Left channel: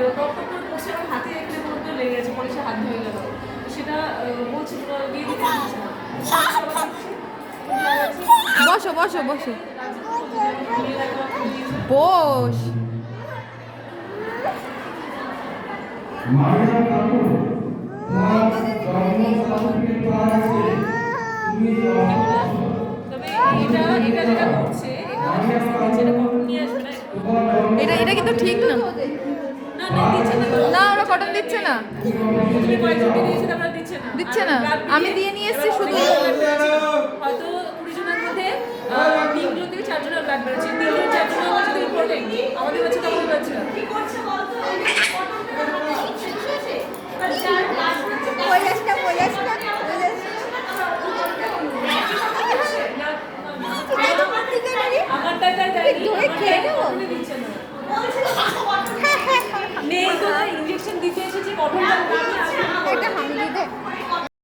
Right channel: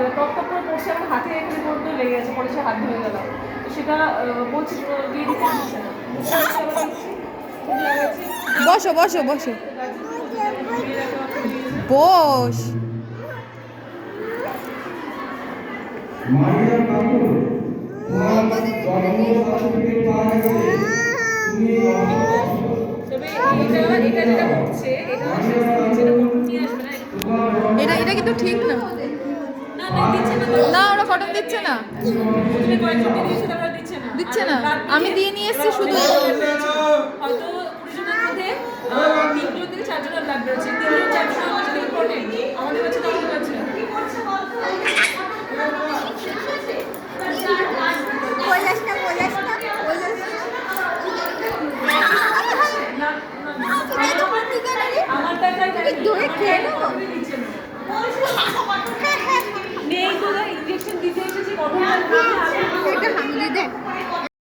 Top top করে পড়ছে, আমার হাতে এখানে পড়তে লেগে গেছে, পরে সে হাত ধরে গেল। সেটা বলছি দিয়ে দিতে দিচ্ছি না। বসো বসো বসো বস। মারিয়া কাকু তোমার জন্ম সার্টিফিকেট পাওয়া গেছে। তুমি এটা কিন্তু ঠিক না। না ওরা কটন দিচ্ছে না, দিচ্ছে না। আমি দিয়ে নিয়ে এসেছি শুধু। হয়তো 20 জনের মধ্যে 3 থেকে 4 জনের ব্লাড বেরোচ্ছে, 3 থেকে 4 জনের মধ্যে ইম্পর্টেন্ট আমাদের কাছে তখন হচ্ছে কি করছে বলতো আমারটা দিচ্ছে না নেই তো ইনজেকশন দিতে এসেছি কঠোর